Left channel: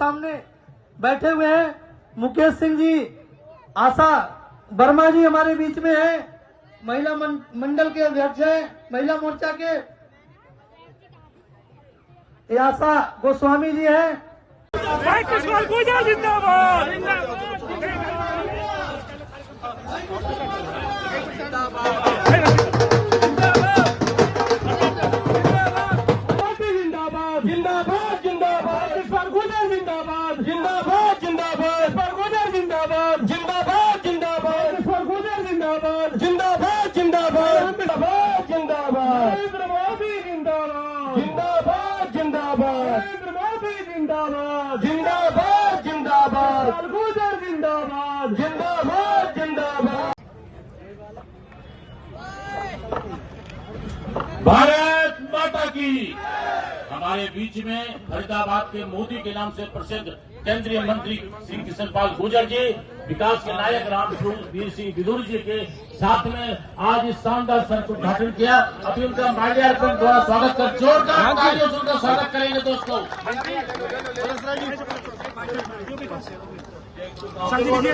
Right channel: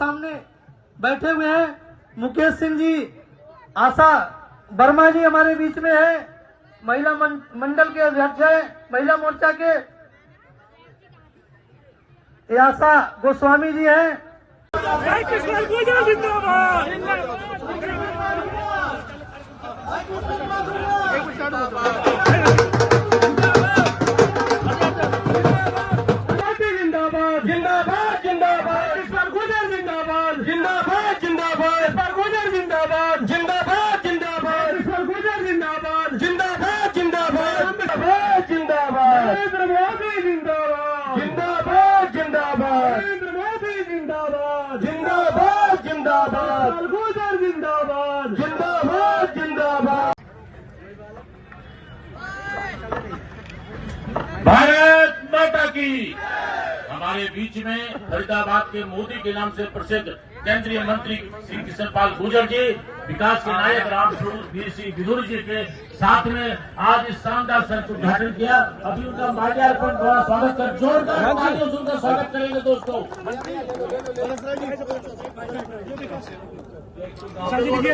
सामने बैठे हुए हैं मुकेश सिंह जी, आशा वर्मा जी हमारे बीच में है, महिला मंडल के अध्यक्ष है महिला मोर्चा के। ये आशा गोस्वामी जी है। भारत माता की। हमारे बीच में फरीदाबाद के मोदी के नाम से प्रसिद्ध केंद्रीय मंत्री श्री किशन पाल गुर्जर जी, विकास के नायक राम श्री विदुर जी के साथ में आज इस शानदार संघ का उद्घाटन किया। अभी उनका माल्यार्पण द्वारा स्वागत कर जोरदार उनका स्वागत करेंगे दोस्तों।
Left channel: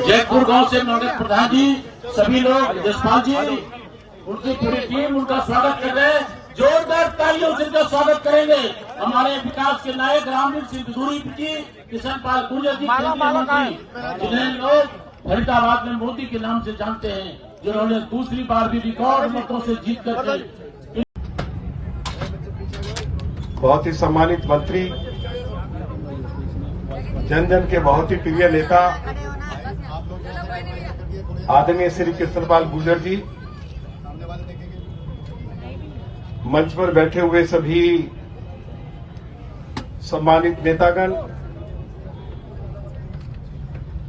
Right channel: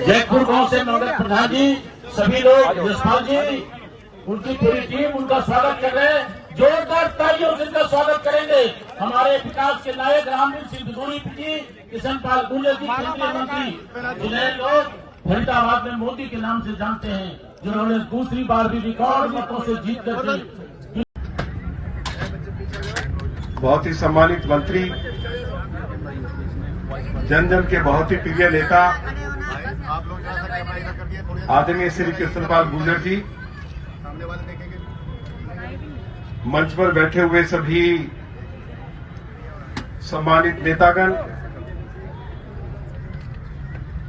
जयपुर गांव से नौगत प्रधान जी, सभी लोग, यशपाल जी, उनकी पूरी टीम उनका स्वागत कर रहे हैं। जोरदार तालियों से उनका स्वागत करेंगे हमारे विकास के नायक रामवीर सिंह विदुर जी, किशन पाल गुर्जर जी, केंद्रीय मंत्री, जिन्हें लोग फरीदाबाद में मोदी के नाम से जानते हैं, जिन्होंने दूसरी बार भी रिकॉर्ड मतों से जीत कर बहुत ही सम्मानित मंत्री, जन जन के बहुत ही प्रिय नेता आदरणीय श्री किशन पाल गुर्जर जी, मंच पर बैठे हुए सभी सम्मानित नेतागण,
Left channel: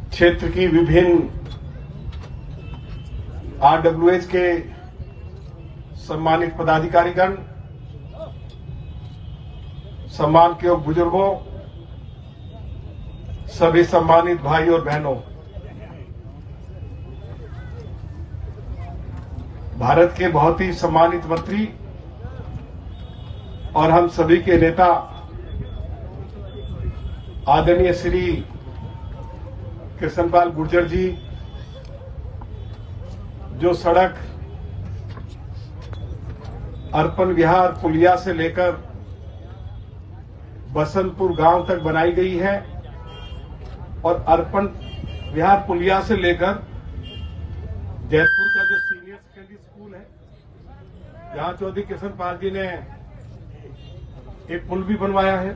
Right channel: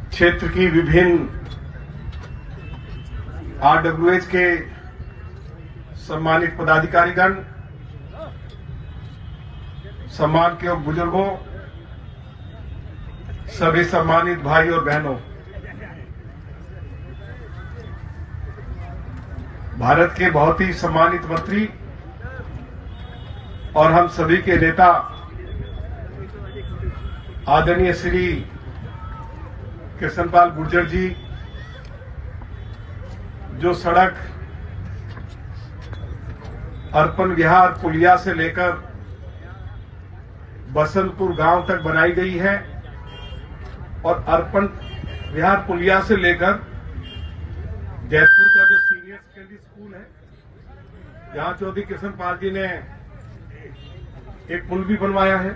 क्षेत्र की विभिन्न आरडब्ल्यूएच के सम्मानित पदाधिकारीगण, सम्मान के योग्य बुजुर्गों, सभी सम्मानित भाई और बहनों, भारत के बहुत ही सम्मानित मंत्री और हम सभी के नेता आदरणीय श्री किशन पाल गुर्जर जी, जो सड़क अर्पण विहार पुलिया से लेकर बसंतपुर गांव तक बनाई गई है और अर्पण विहार पुलिया से लेकर जयपुर का जो सीनियर सेकेंडरी स्कूल है, जहां चौधरी किशन पाल जी ने एक पुल भी बनवाया है।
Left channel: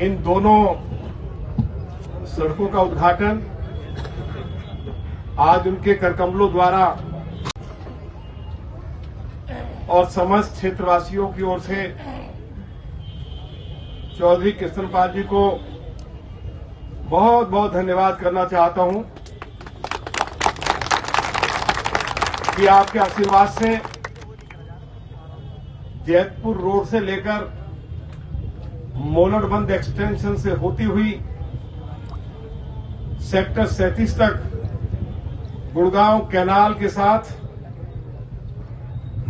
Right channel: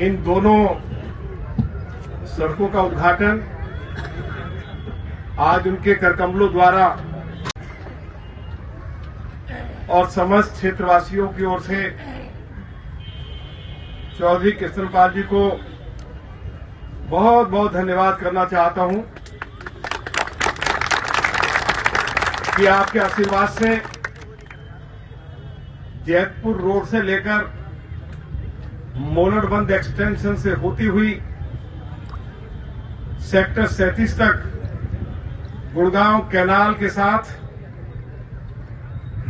इन दोनों सड़कों का उद्घाटन आज उनके करकमलों द्वारा और समस्त क्षेत्रवासियों की ओर से चौधरी किशन पाल जी को बहुत बहुत धन्यवाद करना चाहता हूं कि आपके आशीर्वाद से जयपुर रोड से लेकर मोलड़बंद एक्सटेंशन से होती हुई सेक्टर 37 तक गुड़गांव कैनाल के साथ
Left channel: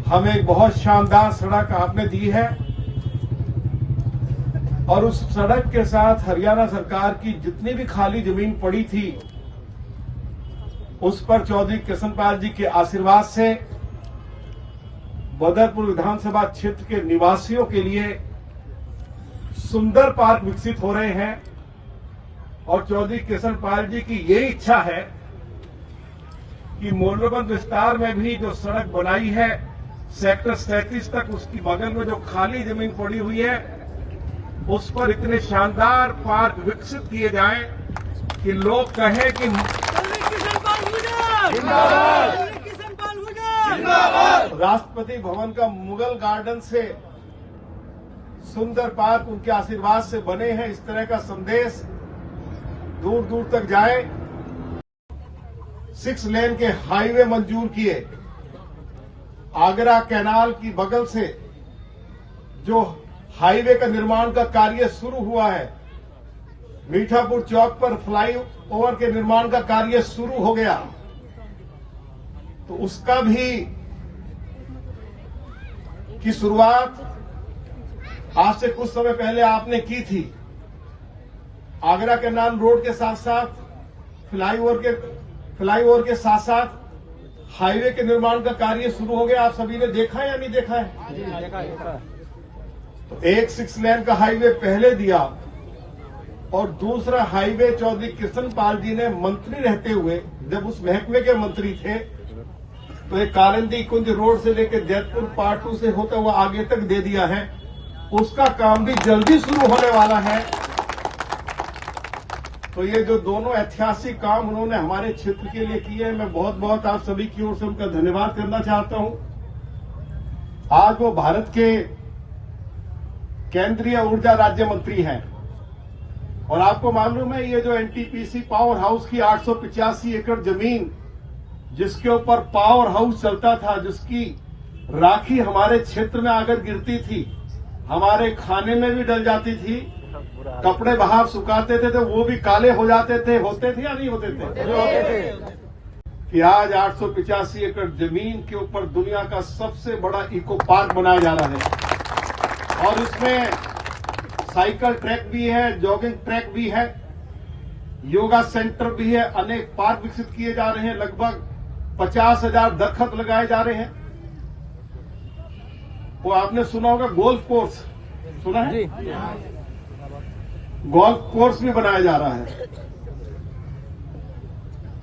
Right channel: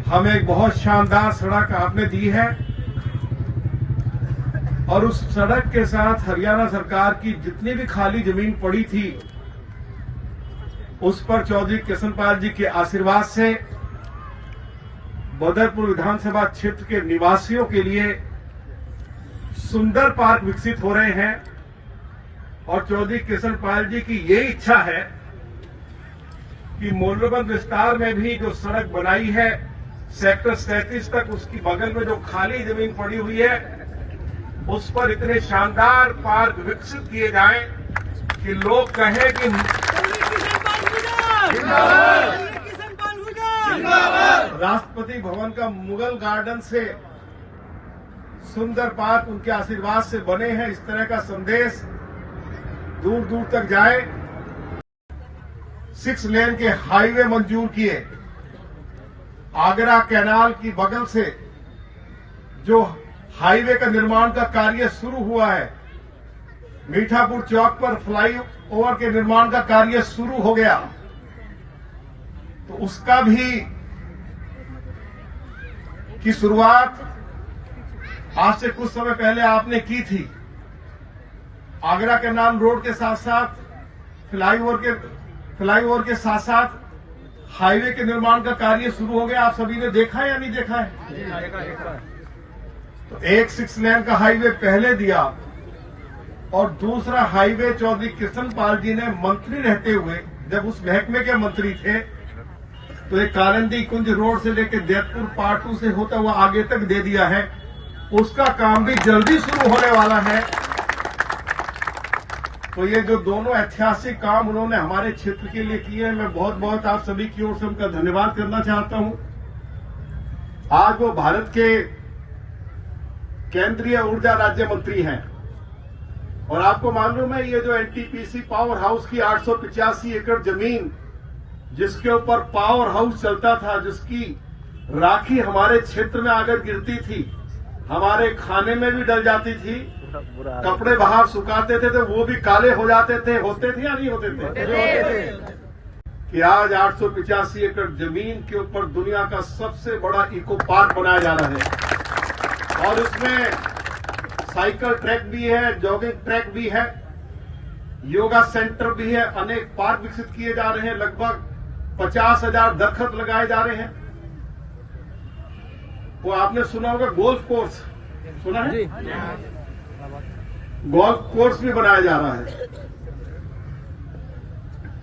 हमें एक बहुत शानदार सड़क आपने दी है और उस सड़क के साथ हरियाणा सरकार की जितनी भी खाली जमीन पड़ी थी उस पर चौधरी किशन पाल जी के आशीर्वाद से बदरपुर विधानसभा क्षेत्र के निवासियों के लिए सुंदर पार्क विकसित हो रहे हैं और चौधरी किशन पाल जी की ये इच्छा है कि मोलड़बंद विस्तार में भी जो सड़क बनाई है सेक्टर 37 तक, उसकी बगल में जो खाली जमीन पड़ी हुई है उस पर इतने शानदार पार्क विकसित किए जाएं कि लोग कहें कि राष्ट्रपति भवन का मुगल गार्डन से सुंदर पार्क उनके आशीर्वाद से बने हैं, इस तरह का संदेश दूर दूर तक जाए। 6 लेन के हाईवे मंजूर किए, आगरा कैनाल की बगल से जो हाईवे का निर्माण का कार्य शुरू हुआ है, मीठापुर चौक पर फ्लाईओवर के निर्माण का कार्य शुरू हो गया, तो उसका भी की शुरुआत आज से कुछ समय पहले आपने की थी। आगरा के नाम रोड के साथ साथ फ्लाईओवर के साथ साथ हाईवे के निर्माण का कार्य शुरू हो गया। आप सभी ने देखा है या नहीं देखा है? तो एक 6 लेन का हाईवे पहले दिया और दूसरा हाईवे चौधरी कृष्णपाल जी ने मंत्री रहते हुए, जब उस महकमे के मंत्री थे, तो एक कालिंदी कुंज रोड से लेकर दैतपुर पार्ट 2 से होता हुआ आगे तक दे दिया है। उसका काम भी जल्दी शुरू होने वाला है। तो ये जो दोनों ऐतिहासिक काम उन्होंने हमारे क्षेत्र के लिए किए हैं, मैं बहुत बहुत आप सभी की ओर से उनका धन्यवाद करना चाहता हूं। आज वो भारत के केंद्रीय ऊर्जा राज्य मंत्री हैं और आपको मालूम है, ये जो एनटीपीसी पावर हाउस की 885 एकड़ जमीन जिसके ऊपर पावर हाउस चलता था, जिसकी राखी हमारे क्षेत्र में आकर गिरती थी, हमारे खाने में भी डल जाती थी, कपड़े बाहर सुखाते थे तो वो भी काले हो जाते थे, होते थे या नहीं होते थे? कि आज 885 एकड़ जमीन के ऊपर दुनिया का सबसे बड़ा इको पार्क बनाया जा रहा है और इसमें साइकिल ट्रैक भी है, जॉगिंग ट्रैक भी है, योगा सेंटर भी है, अनेक पार्क विकसित किए जा रहे हैं, लगभग 50,000 दरख्त लगाए जा रहे हैं। वो आपने सुना होगा गोल्फ कोर्स, सुना है? गोल्फ कोर्स भी बनाया जा रहा है।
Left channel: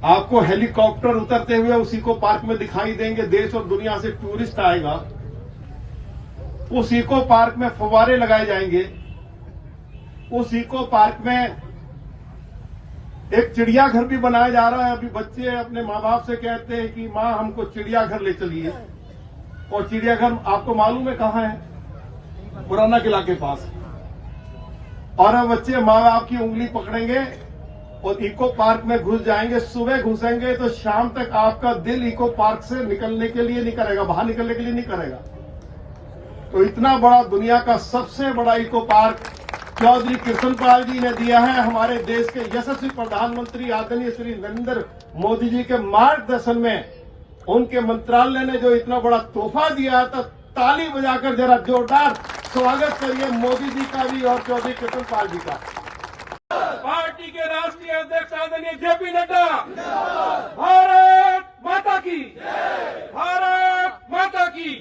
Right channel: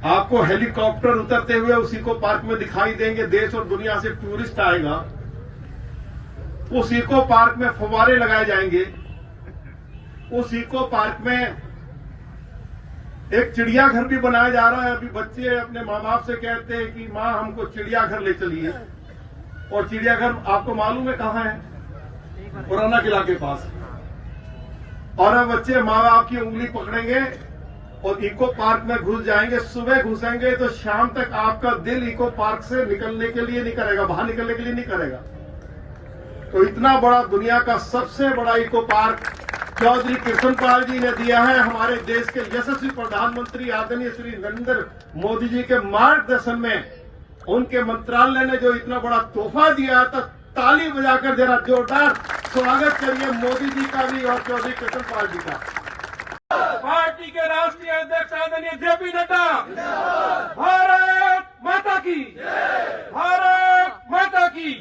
आपको हेलीकॉप्टर उतरते हुए उसी को पार्क में दिखाई देंगे। देश और दुनिया से टूरिस्ट आएगा, उस इको पार्क में फव्वारे लगाए जाएंगे। उस इको पार्क में एक चिड़ियाघर भी बनाया जा रहा है। अभी बच्चे अपने माँ बाप से कहते हैं कि माँ हमको चिड़ियाघर ले चलिए, और चिड़ियाघर आपको मालूम है कहाँ है? पुराना किला के पास। और अब बच्चे माँ बाप की उंगली पकड़ेंगे और इको पार्क में घुस जाएंगे। सुबह घुसेंगे तो शाम तक आपका दिल इको पार्क से निकलने के लिए नहीं करेगा, बाहर निकलने के लिए नहीं करेगा। तो इतना बड़ा, दुनिया का सबसे बड़ा इको पार्क चौधरी कृष्णपाल जी ने दिया है। हमारे देश के यशस्वी प्रधानमंत्री आदरणीय श्री नरेंद्र मोदी जी के मार्गदर्शन में उनके मंत्रालय ने जो इतना बड़ा तोहफा दिया, तो ताली बजाकर जरा जोरदार स्वागत करिए मोदी जी का भी और चौधरी कृष्णपाल जी का। पार्टी के राष्ट्रीय अध्यक्ष आदरणीय जेपी नड्डा, भारत माता की, भारत माता की।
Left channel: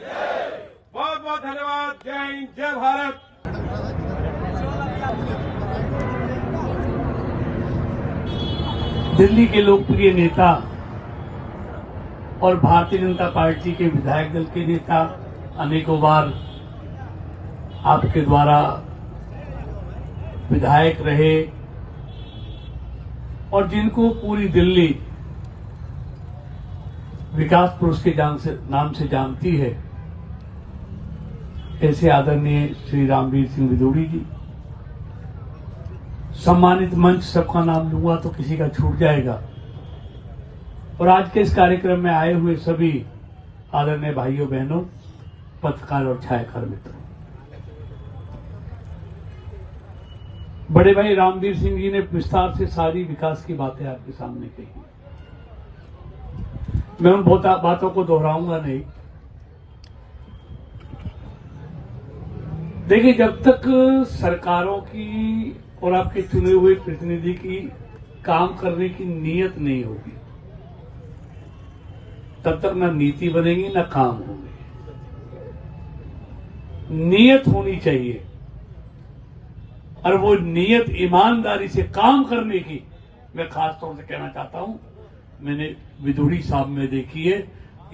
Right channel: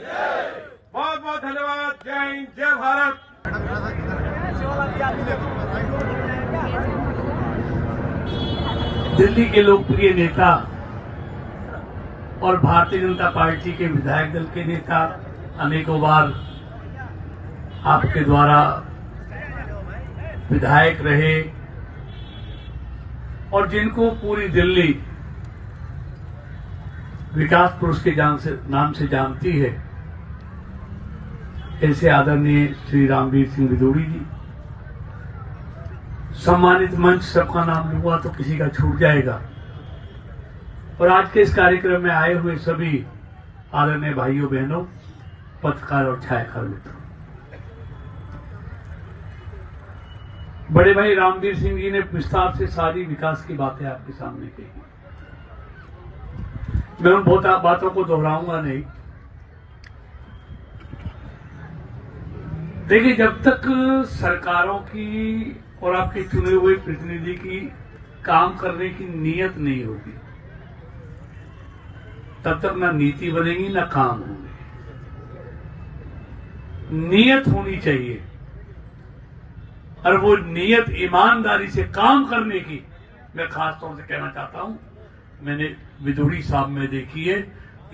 बहुत बहुत धन्यवाद। जय हिंद, जय भारत। दिल्ली के लोकप्रिय नेता और भारतीय जनता पार्टी के विधायक दल के नेता, अनेकों बार आपके द्वारा विधायक रहे और जिनको पूरी दिल्ली विकास पुरुष के नाम से जानती है, ऐसे आदरणीय श्री रामवीर सिंह विदुड़ी जी। सम्मानित मंच, सबका नाम लूंगा तो किसी का छूट जाएगा। और आज के इस कार्यक्रम में आए हुए सभी आदरणीय भाइयों बहनों, पत्रकार और छायाकार मित्रों, बड़े भाई रामवीर सिंह जी ने विस्तार से सारी विकास की बातें आपके सामने कही। मैं उन बहुत बातों को दोहराऊंगा नहीं। देखिए, जब तक सरकारों की और आपके चुने हुए प्रतिनिधि की काम करने की नीयत नहीं होगी, तब तक ना नीति बनेगी ना काम होंगे। नीयत होनी चाहिए, और वो नीयत ईमानदारी से काम करने की मैं खास तौर से कहना चाहता हूं। मैंने विदुड़ी साहब में देखी है,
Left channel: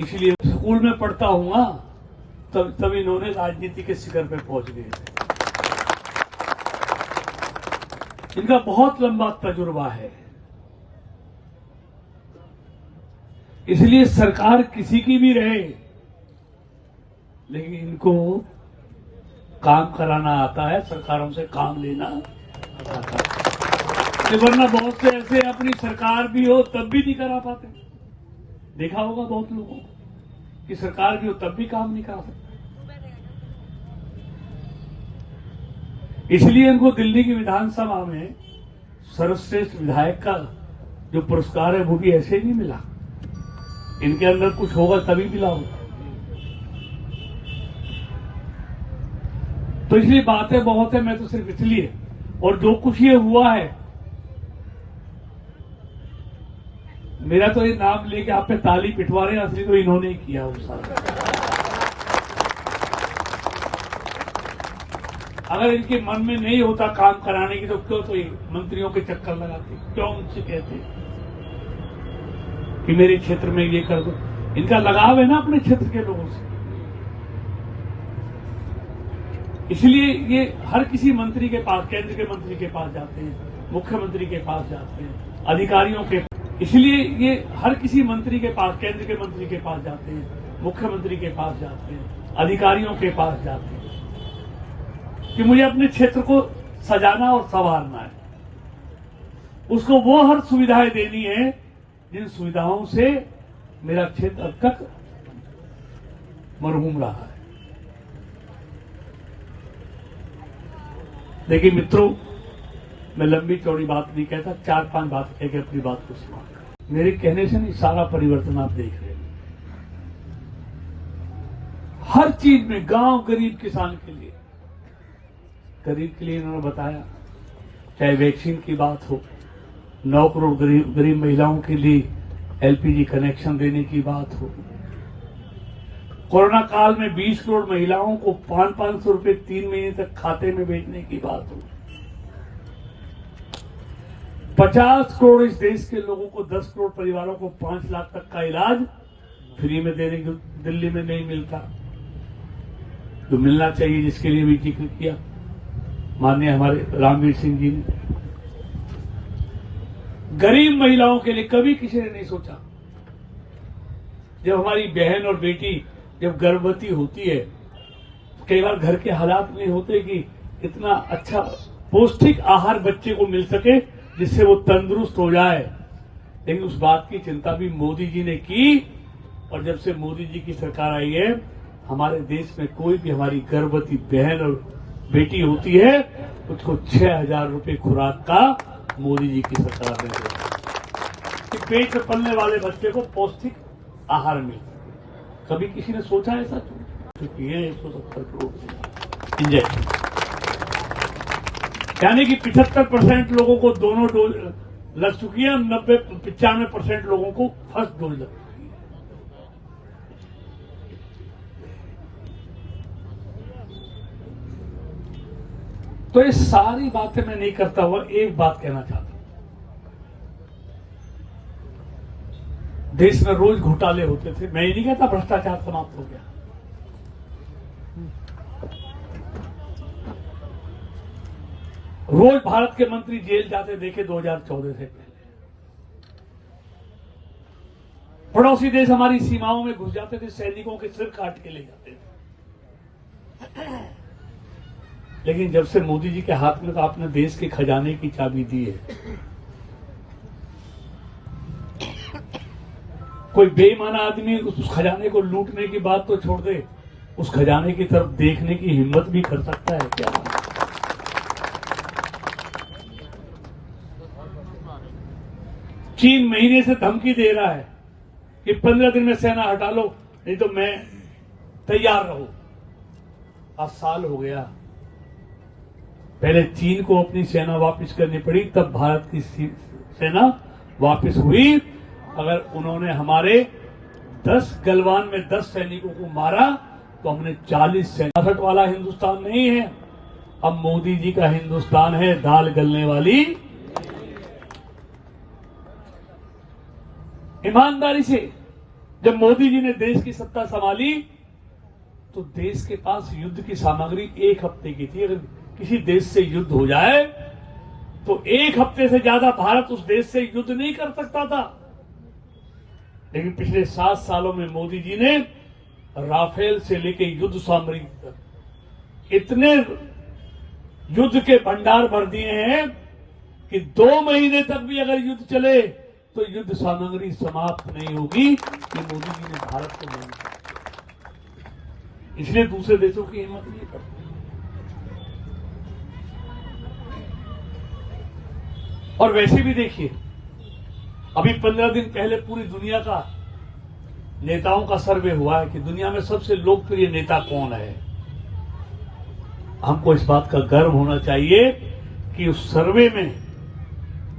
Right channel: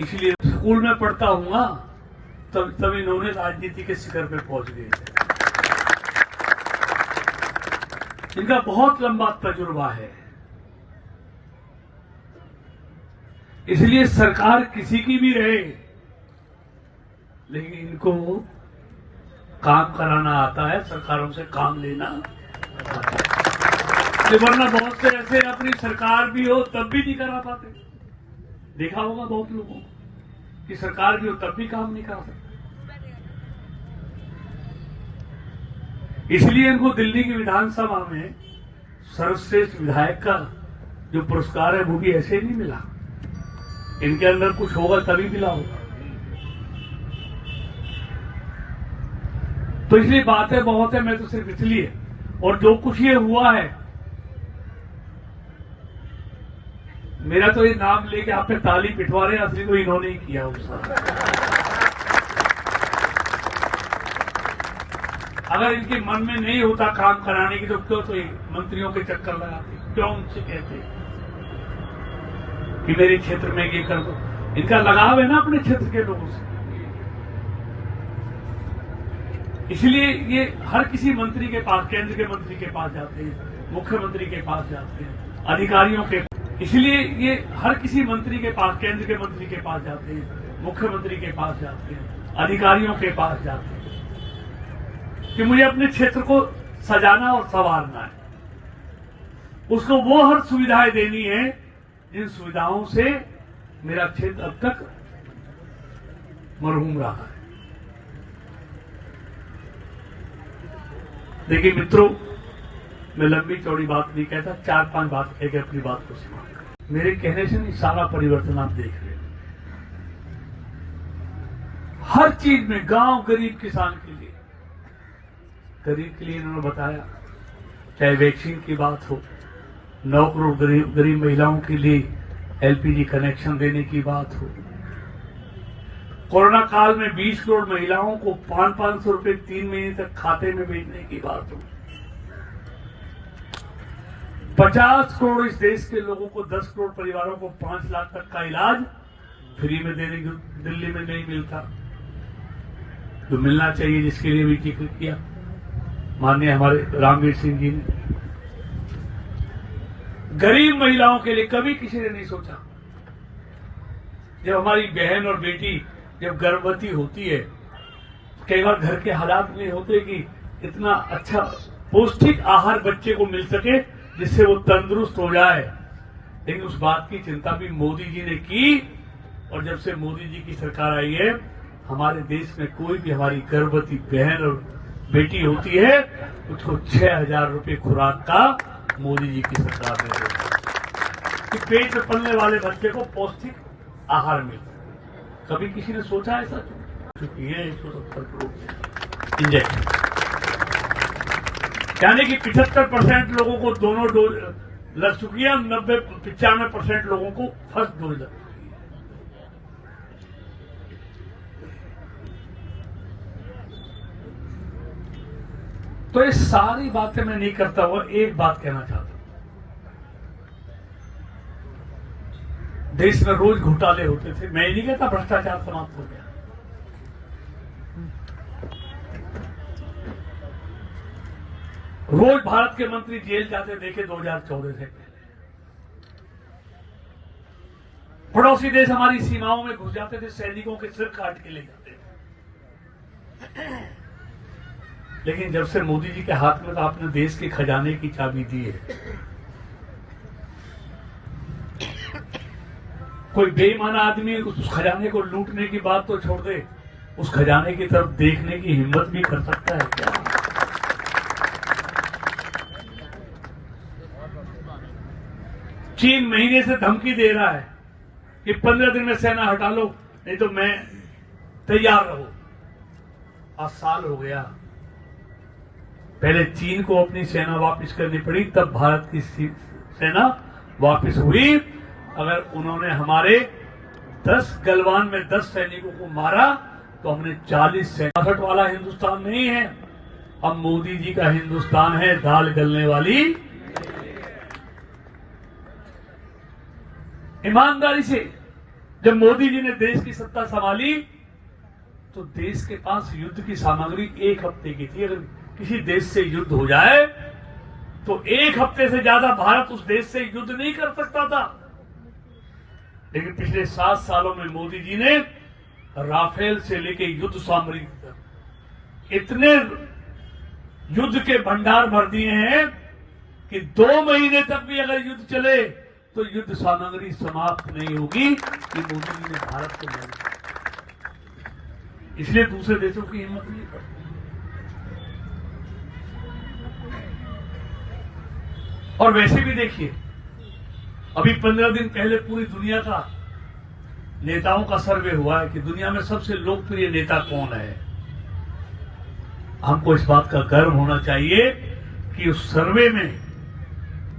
इसलिए स्कूल में पढ़ता हूँ तब इन्होंने राजनीति के शिखर पे पहुंच गए थे। इनका बहुत लंबा तजुर्बा है, इसलिए सरकार किसी की भी रहे, लेकिन इनको काम कराना आता है, सरकारों से काम लेना आता है। वरना बहुत से ऐसे अपनी सरकार भी हो तब भी नहीं करा पाते। देखा होगा बहुत लोगों को कि सरकार भी हो तब भी काम नहीं करा सकते। इसलिए इनको दिल्ली की विधानसभा में सर्वश्रेष्ठ विधायक का जो पुरस्कार है वो भी ऐसे नहीं मिला। इनके अंदर कुछ होगा तभी मिला होगा। तो इसलिए बातें बहुत है, मैं तो सिर्फ इसलिए, और जो कुछ ये हुआ है, मेरा तो ये नाम लेके आप पे ताली पिटवा रहे हैं, असली तो इन्होंने ही किया वो सारा। अगर इनके मन में नहीं होता काम कराने की तो क्यों तो मंत्रियों के चक्कर लगाते, क्यों उनसे कहते कि मेरे क्षेत्र में ये कर दो। इनका लगाव है ना अपने क्षेत्र के लोगों से, इसलिए ये हर किसी मंत्री के पास, केंद्र के मंत्री के पास जाते हैं, मुख्यमंत्री के पास जाते हैं, अधिकारियों के, इसलिए ये हर किसी मंत्री के पास, केंद्र के मंत्री के पास जाते हैं, मुख्यमंत्री के पास जाते हैं, अधिकारियों के पास जाते हैं कि मुझे अपने क्षेत्र को सजाना और संवारना है। उसको वो हर सुविधाएं देनी है जिन सुविधाओं से मेरा क्षेत्र अब तक मरहूम रहा है। देखिए मित्रों, मैं लंबी चौड़ी बात नहीं कहता, 4-5 बात कह के अपनी बात को समाप्त। मेरे कहने से नहीं, सारा परिवर्तन आप देख रहे हैं हर चीज में। गांव गरीब किसान के लिए, गरीब के लिए इन्होंने बताया, चाहे वैक्सीन की बात हो, 9 करोड़ गरीब महिलाओं के लिए एलपीजी कनेक्शन देने की बात हो, कोरोना काल में 20 करोड़ महिलाओं को 500 रुपए 3 महीने तक खाते में भेजने की बात हो, 50 करोड़ इस देश के लोगों को, 10 करोड़ परिवारों को 5 लाख तक का इलाज फ्री में देने को दिल्ली में नहीं मिलता, जो मिलना चाहिए, जिसके लिए भी जिक्र किया माननीय हमारे रामवीर सिंह जी ने। गरीब महिलाओं के लिए कभी किसी ने नहीं सोचा। जब हमारी बहन और बेटी जब गर्भवती होती है, कई बार घर के हालात नहीं होते कि इतना अच्छा पौष्टिक आहार बच्चे को मिल सके जिससे वो तंदुरुस्त हो जाए, लेकिन उस बात की चिंता भी मोदी जी ने की। और जब से मोदी जी की सरकार आई है, हमारे देश में कोई भी हमारी गर्भवती बहन और बेटी होती है, उसको 6,000 रुपए खुराक का मोदी जी की सरकार ने दिया कि पेट में पलने वाले बच्चे को पौष्टिक आहार मिले। कभी किसी ने सोचा ऐसा? क्योंकि ये 170 करोड़ इंजेक्शन, यानी कि 75% लोगों को दोनों डोज लग चुकी है, 95% लोगों को फर्स्ट डोज लग चुकी है। तो ये सारी बातें मैं नहीं करता हुआ एक बात कहना चाहता हूं। देश में रोज घोटाले होते थे, मैं ये नहीं कहता भ्रष्टाचार समाप्त हो गया। रोज भारत के मंत्री जेल जाते देखे 2014 से पहले। पड़ोसी देश हमारी सीमाओं में घुस जाते थे, सैनिकों के सिर काट के ले जाते थे। लेकिन जब से मोदी जी के हाथ में तो आपने देश के खजाने की चाबी दी है, कोई बेईमान आदमी उस खजाने को लूटने की बात तो छोड़ दे, उस खजाने की तरफ देखने की हिम्मत भी कर सकता है क्या? चीन महीने से धमकी दे रहा है कि 15 दिन में सेना हटा लो, नहीं तो मैं तैयार रहो। आज साल हो गया, पहले चीन को अपनी सेना वापस करनी पड़ी, तब भारत की सेना वापस हुई। अगर उन्होंने हमारे 10 गलवान में 10 सैनिकों को मारा तो हमने 40 सैनिक। 60 वाला हिंदुस्तान नहीं है, अब मोदी जी का हिंदुस्तान है, दाल गलने वाली। ईमानदारी से जब मोदी जी ने देश की सत्ता संभाली तो देश के पास युद्ध की सामग्री 1 हफ्ते की थी। अगर किसी देश से युद्ध हो जाए तो 1 हफ्ते से ज्यादा भारत उस देश से युद्ध नहीं कर सकता था। लेकिन पिछले 7 सालों में मोदी जी ने राफेल से लेकर युद्ध सामग्री तक इतने युद्ध के भंडार भर दिए हैं कि 2 महीने तक भी अगर युद्ध चले तो युद्ध सामग्री समाप्त नहीं होगी। ये मोदी जी ने भारत को नहीं, इसलिए दूसरे देशों की हिम्मत नहीं करते। और वैसे भी देखिए, अभी 15 दिन पहले पूरी दुनिया का नेताओं का सर्वे हुआ है कि दुनिया में सबसे लोकप्रिय नेता कौन है। हमको इस बात का गर्व होना चाहिए कि उस सर्वे में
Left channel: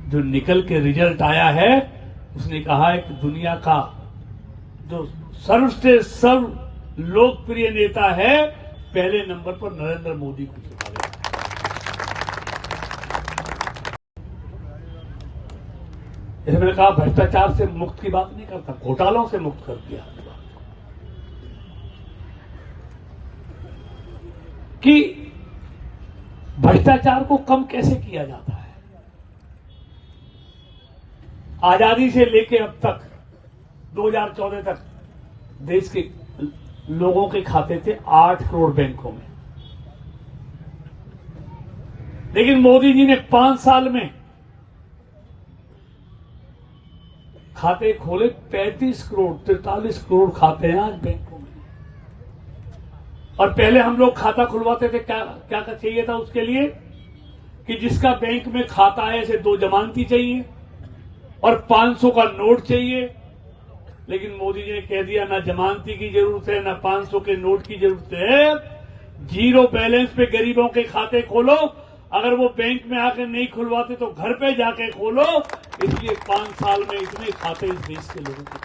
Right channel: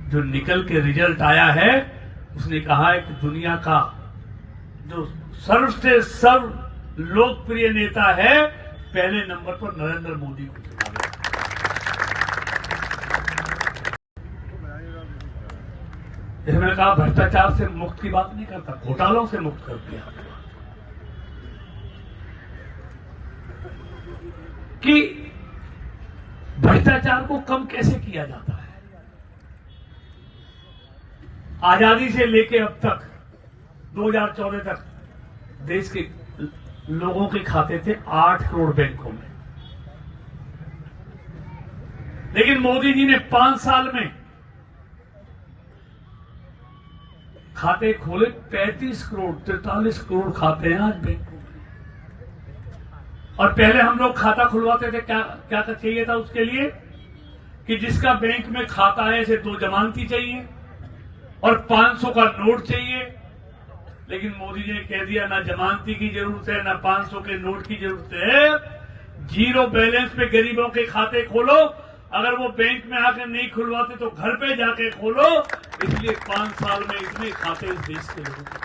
जो निकल के रिजल्ट आया है, उसने कहा है कि दुनिया का जो सर्वश्रेष्ठ सर्व लोकप्रिय नेता है, पहले नंबर पर नरेंद्र मोदी को चुना गया। जैसे मैंने कहा, भ्रष्टाचार से मुक्त की बात नहीं करता, घोटालों से मुक्त कर दिया कि भ्रष्टाचार को कम कैसे किया जाता है। आजादी से लेके अब तक 2014 तक देश के लोगों के खाते थे 8 करोड़ बैंकों में, लेकिन मोदी जी ने 5 साल में खाते खोले 35 करोड़ 43 करोड़ खाते हैं आज बैंकों में। और पहले हम लोग खाता खुलवाते थे, क्या चाहिए था उसके लिए कि जिसका बैंक में खाता है ऐसे 2 जमानती चाहिए और 500 का नोट चाहिए। लेकिन मोदी जी ने कह दिया ना जमानती की जरूरत है ना 500 के नोट की जरूरत है, जीरो बैलेंस पे गरीबों के खाते खोलो, अगर वो बैंक में आकर नहीं खुलवाते तो घर पे जाके खोलो। इसलिए 5 साल में इतने खाते इस देश के लोगों को,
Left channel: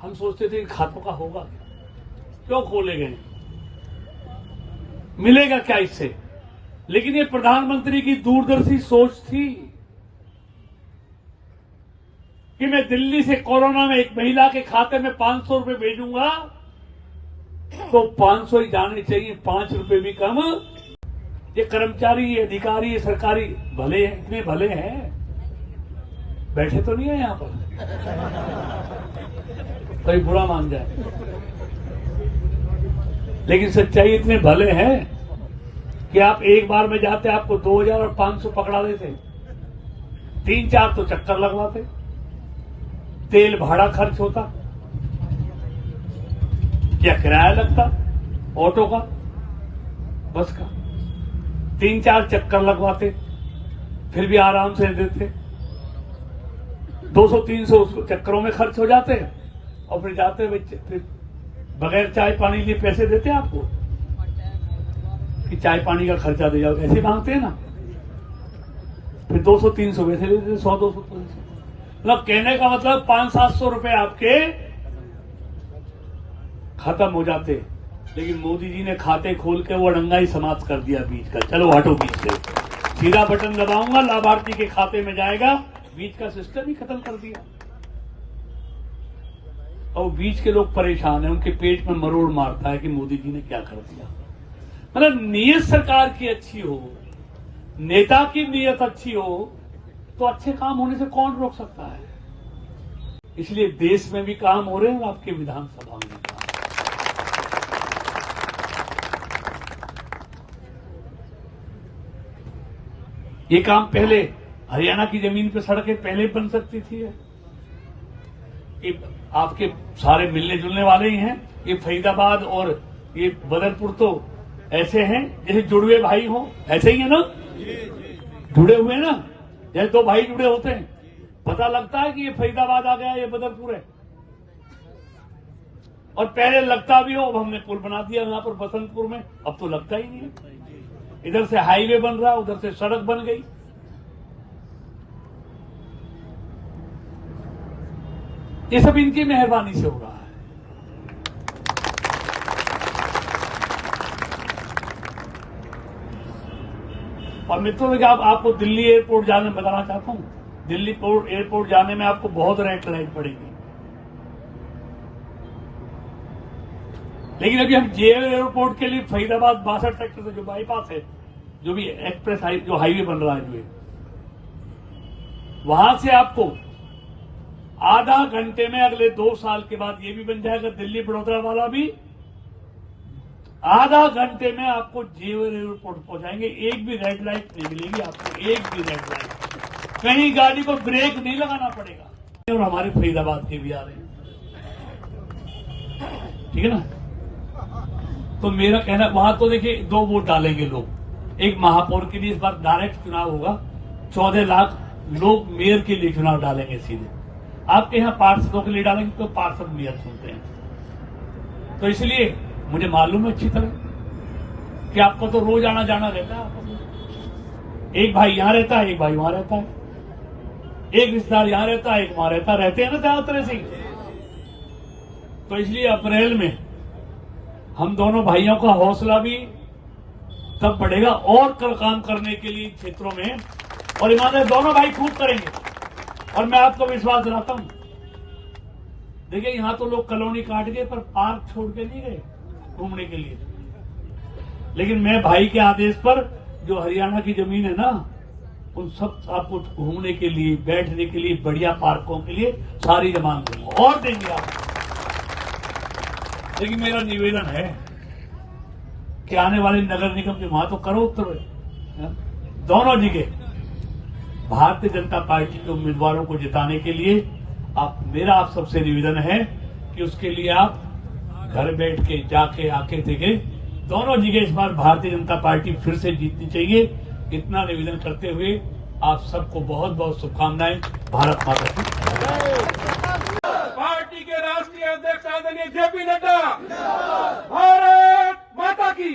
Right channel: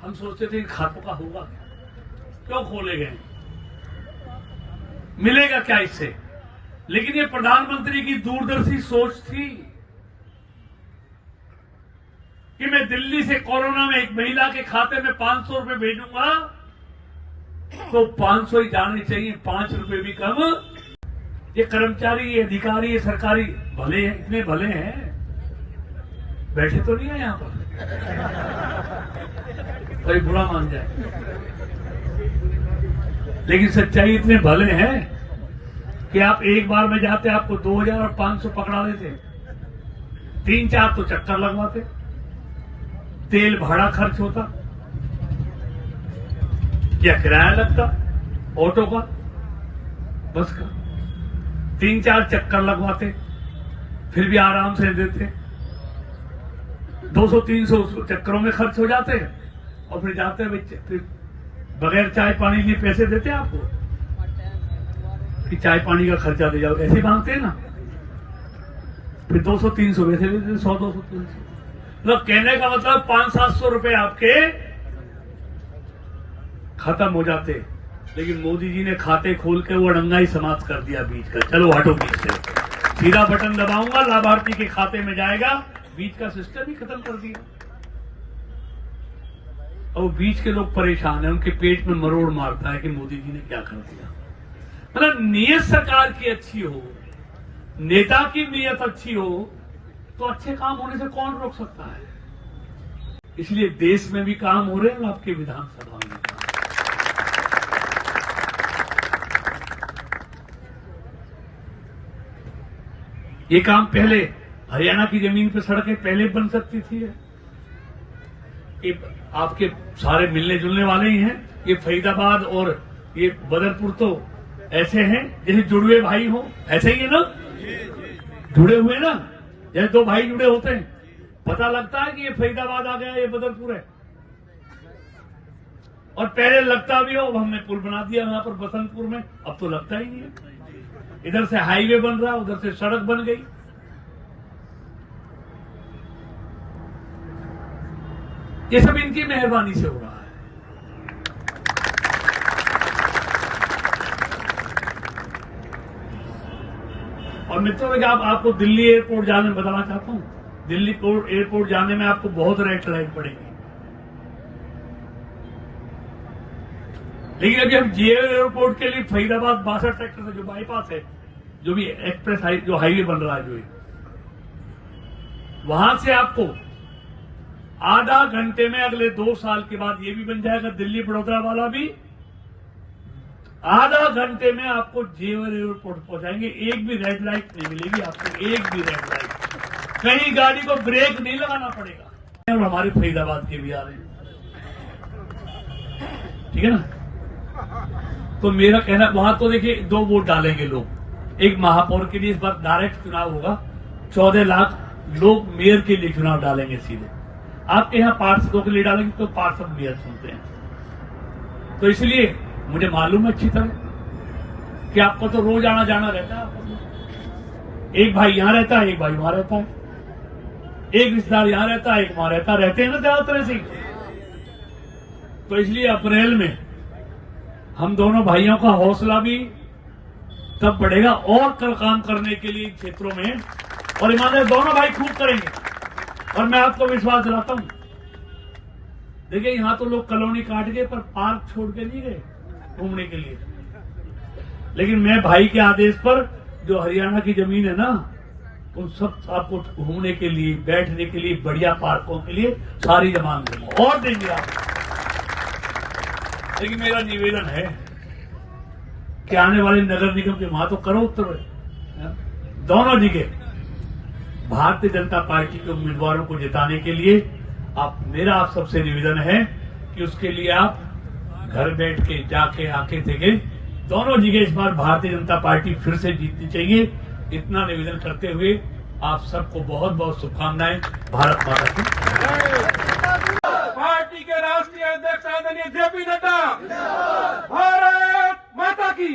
हम सोचते थे खातों का होगा क्यों खोले गए, मिलेगा क्या इससे। लेकिन ये प्रधानमंत्री की दूरदर्शी सोच थी कि मैं दिल्ली से कोरोना में एक महिला के खाते में 500 रुपए भेजूंगा तो 500 ही जाने चाहिए, 5 रुपए भी कम। ये कर्मचारी, ये अधिकारी, ये सरकारी भले हैं, इतने भले हैं, बैठे तो नहीं है यहां पर, कोई बुरा मान जाए, लेकिन सच्चाई इतने भले हैं कि आप एक बार में जाते आपको 2000 और 500 पकड़ा देते, 3-4 तो चक्कर लगवाते, तेल भाड़ा खर्च होता या किराया लगता ऑटो का, बस का, 3-4 चक्कर लगवाते, फिर भी आराम से देते, 200-300 चक्करों में खर्च हो जाते हैं और फिर जाते फिर बगैर चाय पानी लिए पैसे देते आपको कि चाय पानी का खर्चा दे जाओ, ऐसे मांगते हैं ना, फिर 200-300 वैसे दे देते, 100-200-300, मतलब कहने का मतलब 500-700 रुपए आपके खत्म हो जाते। लेकिन मोदी जी ने खाते खोल के वो अड़ंगा ही समाप्त कर दिया बीच का, चलो हटो बीच से, सीधा बटन दबाऊंगा लाभार्थी के खाते में जाएगा, बीच का सिस्टम ही खत्म कर दिया। और बीच के लोग परेशान हैं, उनके पेट में मरोड़ मारता है कि मोदी जी ने क्या कर दिया। मतलब नीयत सरकार की अच्छी हो, नेता की नीयत अच्छी हो तो अच्छे काम होने से कौन रोक सकता है। इसलिए देश में भी काम हो रहे हैं और आपके विधानसभा में भी काम। ये काम पहले हरियाणा की जमीन पे सड़कें पहले बन सकती थी, ये आपके सारे मिलने जुलने वाले ही हैं। ये फरीदाबाद और ये बदरपुर तो ऐसे हैं जैसे जुड़वे भाई हो, ऐसे ही है ना, जुड़े हुए ना, जैसे 2 भाई जुड़े होते हैं, पता लगता है कि ये फरीदाबाद आ गया, ये बदरपुर है, और पहले लगता भी हो। अब हमने पुल बना दिया यहां पर बसंतपुर में, अब तो लगता ही नहीं है। इधर से हाईवे बन रहा है, उधर से सड़क बन गई। ये सब इनकी मेहरबानी से हो रहा है। और मित्रों, आपको दिल्ली एयरपोर्ट जाने में बताना चाहता हूं, दिल्ली एयरपोर्ट जाने में आपको बहुत रेट लाइन पड़ेगी, लेकिन अभी हम जेएल एयरपोर्ट के लिए फरीदाबाद 62 सेक्टर से जो बाईपास है, जो भी एक्सप्रेस जो हाईवे बन रहा है, जो वहां से आपको आधा घंटे में, अगले 2 साल के बाद ये भी बन जाएगा दिल्ली बड़ौदा वाला भी, आधा घंटे में आपको जेएल एयरपोर्ट पहुंचाएंगे। एक भी रेड लाइट नहीं मिलेगी आपको, एक भी रेड लाइट, कहीं गाड़ी को ब्रेक नहीं लगाना पड़ेगा। और हमारे फरीदाबाद के भी आ रहे हैं, ठीक है ना। तो मेरा कहना, वहां तो देखिए 2 वोट डालेंगे लोग, एक महापौर के लिए इस बार डायरेक्ट चुनाव होगा, 14 लाख लोग मेयर के लिए चुनाव डालेंगे सीधे। आपके यहां पार्षदों के लिए डालेंगे तो पार्षद मेयर चुनते हैं, तो इसलिए मुझे मालूम है अच्छी तरह कि आपको तो रोज आना जाना रहता है आपस में। एक भाई यहां रहता है, एक भाई वहां रहता है, एक रिश्तेदार यहां रहता है, एक वहां रहता, रहते हैं ना ज्यादा तरह से। तो इसलिए अप्रैल में हम दोनों भाइयों का हौसला भी तब बढ़ेगा और काम करने के लिए क्षेत्रों में, और ईमानदार दोनों भाई खूब करेंगे। और मैं आपको विश्वास दिलाता हूं, देखिए यहां तो लोग कॉलोनी काट गए पर पार्क छोड़ के नहीं गए घूमने के लिए, लेकिन मैं भाई के आदेश पर जो हरियाणा की जमीन है ना, उन सब आपको घूमने के लिए, बैठने के लिए, बढ़िया पार्कों के लिए सारी जमान देंगे और देंगे आप। लेकिन मेरा निवेदन है कि आने वाले नगर निगम के वहां तो करो उत्तर दोनों जगह भारतीय जनता पार्टी के उम्मीदवारों को जिताने के लिए मेरा आप सबसे निवेदन है कि उसके लिए आप घर बैठ के जाके आके देखें, दोनों जगह इस बार भारतीय जनता पार्टी फिर से जीतनी चाहिए। इतना निवेदन करते हुए आप सबको बहुत बहुत शुभकामनाएं। भारत माता की। पार्टी के राष्ट्रीय अध्यक्ष आदरणीय जेपी नड्डा, भारत माता की।